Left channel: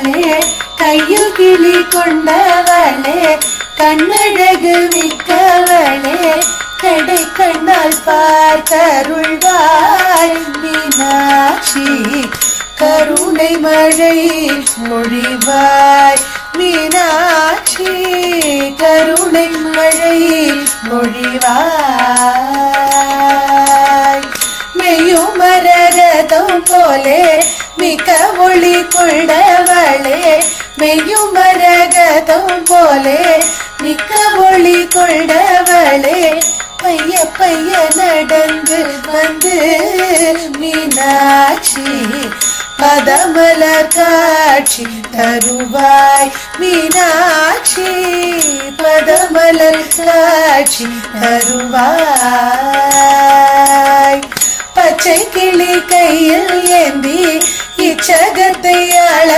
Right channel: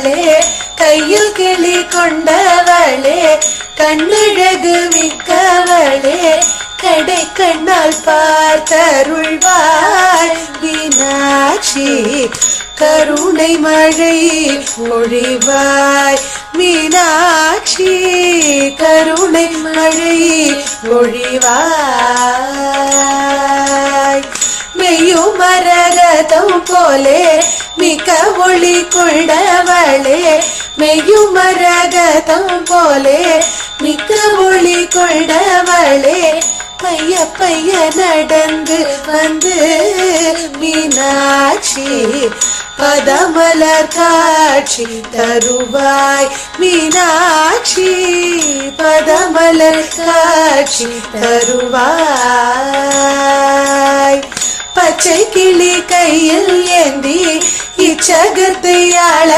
கொண்டவளே கையில் கிளி கொண்டவளே கண்ணழகு மிக்கவளே கடை கண்ணால் பார்த்தருள்வாய் மீனாட்சி கருணை மழை மொழிவாய் மீனாட்சி கருணை மழை மொழிவாய் மெய்யுமரகதம் போலே மிக ஒளி கொண்டவளே மெய்யுமரகதம் போலே மிக்க ஒளி கொண்டவளே பைய பைய நடந்து வந்து மீனாட்சி பதமலர் காட்சி தருவாய் மீனாட்சி பதமலர் காட்சி தருவாய் பச்சை கிளி கையில் ஏந்தி இச்சகத்தை அள